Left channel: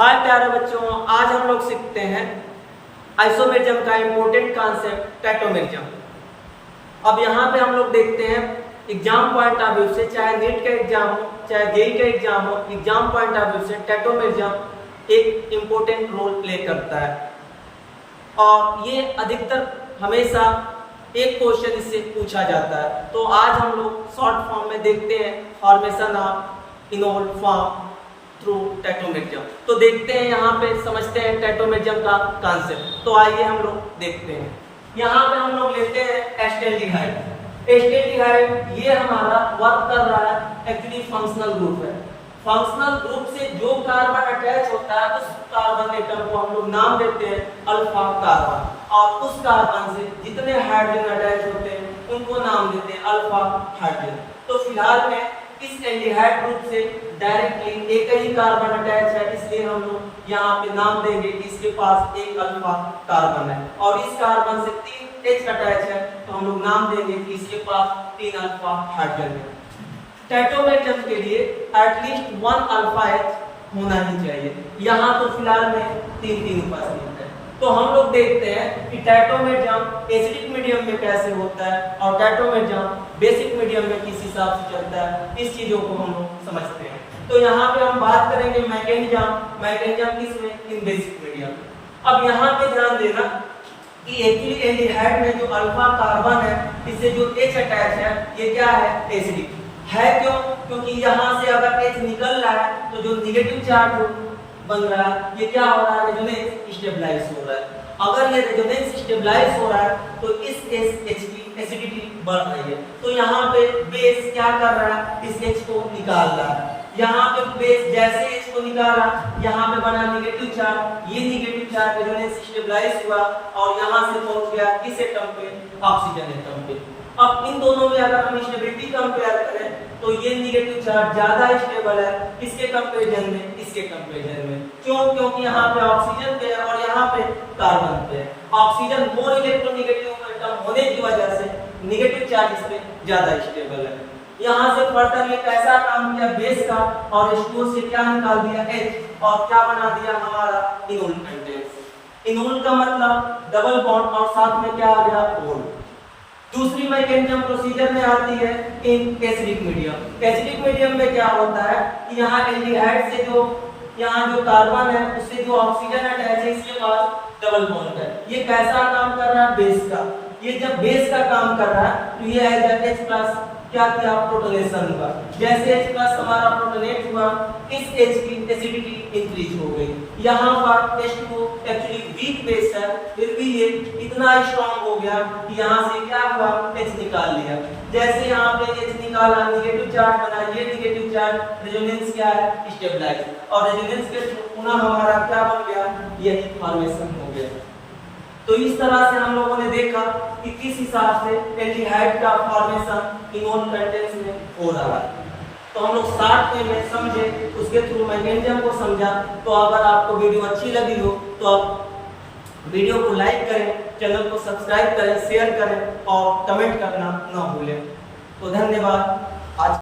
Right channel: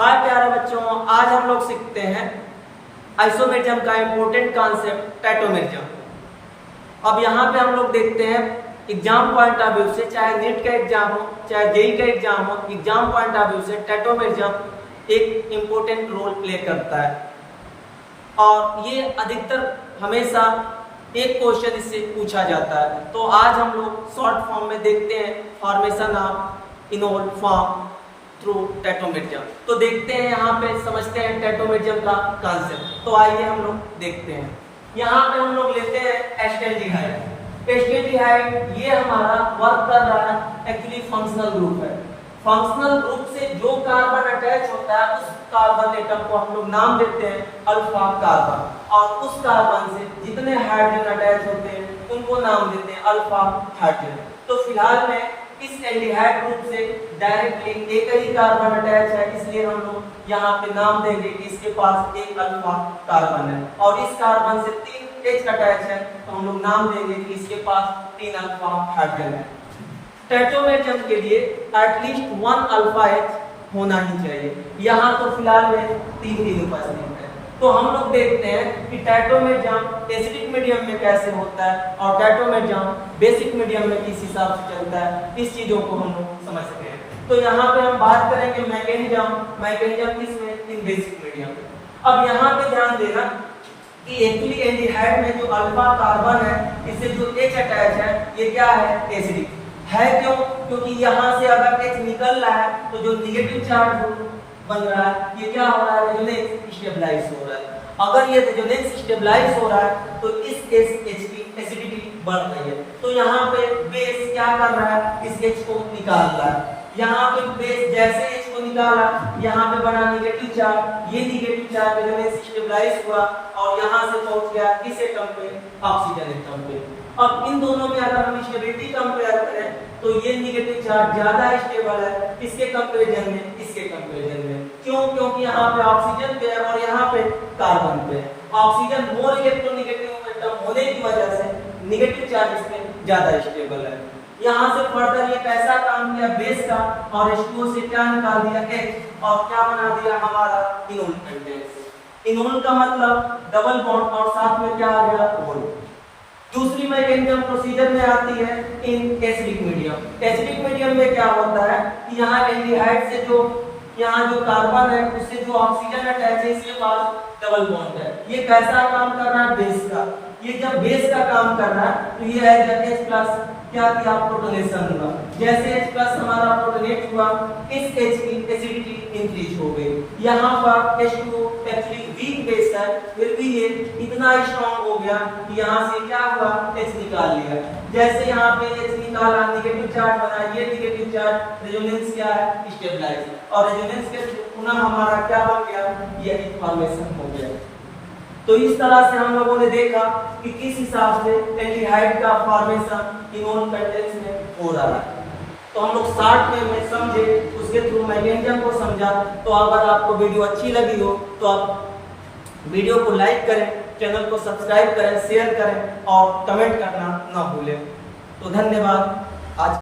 हाय प्यारे बच्चों, आज हम लोग सीखते हैं आइसोमेरिज्म का इम्पोर्टेंट कॉन्सेप्ट टैटोमेरिज्म। अब यहाँ पे हम लोग देखते हैं एग्जाम पॉइंट ऑफ व्यू से, चाहे नीट का एग्जाम हो चाहे जेईई का एग्जाम हो, एग्जाम पॉइंट ऑफ व्यू से टैटोमेरिज्म एक इम्पोर्टेंट रोल प्ले करता है और ये अधिकतर हमेशा एक क्वेश्चन इससे पूछा जाता है। तो आज हम लोग शॉर्ट फॉर्म में देखते हैं formation of enol form through tautomerism. तो देखते हैं यहाँ पे, समझते हैं टैटोमेरिज्म का कॉन्सेप्ट। तो आइए हम लोग देखते हैं। यहाँ पे हम लोग लेते हैं एस्टेल्डिहाइड। एस्टेल्डिहाइड ये हमारा वर्क कर रहा है, एक्चुअली फंक्शनल ग्रुप है। फंक्शनल ग्रुप से जो कार्बन अटैच होता है उस कार्बन एटम को हम लोग नाम देते हैं अल्फा कार्बन, और उस कार्बन से जितने हाइड्रोजन अटैच होते हैं उनको नाम देते हैं अल्फा हाइड्रोजन। तो फिलहाल में इस एल्डिहाइड ग्रुप से डायरेक्टली एक ही कार्बन अटैच है, इसलिए हम लोग यहाँ पे नाम देंगे कि इसके पास एक अल्फा कार्बन है, और इस कार्बन से 3 H अटैच है तो हम लोग नाम देंगे कि इसके पास 3 अल्फा हाइड्रोजन है। टैटोमेरिज्म के लिए एटलीस्ट 1 अल्फा H होना ही चाहिए। यहाँ तो फिलहाल में 3 उपस्थित है। तो हम लोग देखते हैं कि टैटोमेरिज्म एसिडिक मीडियम में कैसे होता है और टैटोमेरिज्म बेसिक मीडियम में किस हिसाब से चलता है, इस चीजों को हम लोग समझ सकते हैं। तो यहाँ पे हम बात करेंगे मैकेनिज्म किसमें, इन बेसिक मीडियम में। अब यहाँ पे ध्यान देना कि एक्चुअली एल्डिहाइड में जो अल्फा कार्बन है, इससे जो H अटैच है ये क्या है, एसिडिक है। क्यों? क्योंकि यहाँ से अगर H निकल रहा है तो जो निगेटिव चार्ज बन रहा है ये क्या हो रहा है, रेजोनेंस स्टेबलाइज हो रहा है। अगर ये रेजोनेंस स्टेबलाइज हो रहा है तो इस H की एसिडिटी बढ़ रही है। तो यहाँ पे बेस क्या कर रहा है, इस H को निकाल रहा है। यहाँ पे बेस जैसे H को निकाला, यहाँ पे बना निगेटिव चार्ज, ये निगेटिव चार्ज रेजोनेंस स्टेबलाइज हुआ और यहाँ से पहुंच गया किस एटम पे, ऑक्सीजन एटम पे। अब इन दोनों में अगर हम स्टेबिलिटी कंपेयर करें तो ये निगेटिव चार्ज ज्यादा स्टेबल है इसके कंपैरिजन में, इसके कंपैरिजन में। क्यों? क्योंकि यहाँ पे ऑक्सीजन पे है और यहाँ पे कार्बन पे। ऑक्सीजन मोर इलेक्ट्रोनेगेटिव एटम होने की वजह से निगेटिव चार्ज इस पे ज्यादा स्टेबल है। यहाँ से फर्दर ये कैसा काम किया बेस का, और H2O से क्या निकाल दिया H, और क्या बना दिया हमारा इनोल कंटेंट्स। इनोल का मतलब डबल बॉन्ड और साथ में क्या आ गया, ओल। दूसरी मैकेनिज्म प्रोसीजर में आती है in acidic medium. Acidic medium में क्या होता है कि यहाँ एल्डिहाइड से जो यहाँ जो कार्बन है उससे जो ऑक्सीजन अटैच है इसके पास डबल बॉन्ड है। ये कैसा काम कर रहा है, बेस का। ये जब बेस का काम कर रहा है तो ये H प्लस क्या किया, प्रोटोनेशन हुआ। जैसे H प्लस हमारा प्रोटोनेट हुआ, इस H की एसिडिटी इंक्रीज हो गई। यहाँ पर H2 एक्चुअली वीक बेस है, फिर भी ये इतना स्ट्रॉन्ग हो गया कि यहाँ से क्या हुआ, H निकाल लिया। जैसे यहाँ पे H निकाला, निगेटिव चार्ज बना, ये निगेटिव चार्ज रेजोनेंस क्या है, स्टेबलाइज, और रेजोनेंस के पुनः हमारा क्या बन गया, यही फॉर्मेशन हो गया। तो इस तरह से हम लोगों ने देखा कि किस हिसाब से एल्डिहाइड का फॉर्मेशन इनोल कंटेंट्स में हो रहा है। तो हम लोग शॉर्ट में ये समझे, उसके थ्रू मैकेनिज्म को समझा। तो अगर आपको वीडियो अच्छी लगी हो तो आप वीडियो को लाइक करें, चैनल को सब्सक्राइब करें, शेयर करें और कमेंट करना ना भूलें। तो धन्यवाद। आज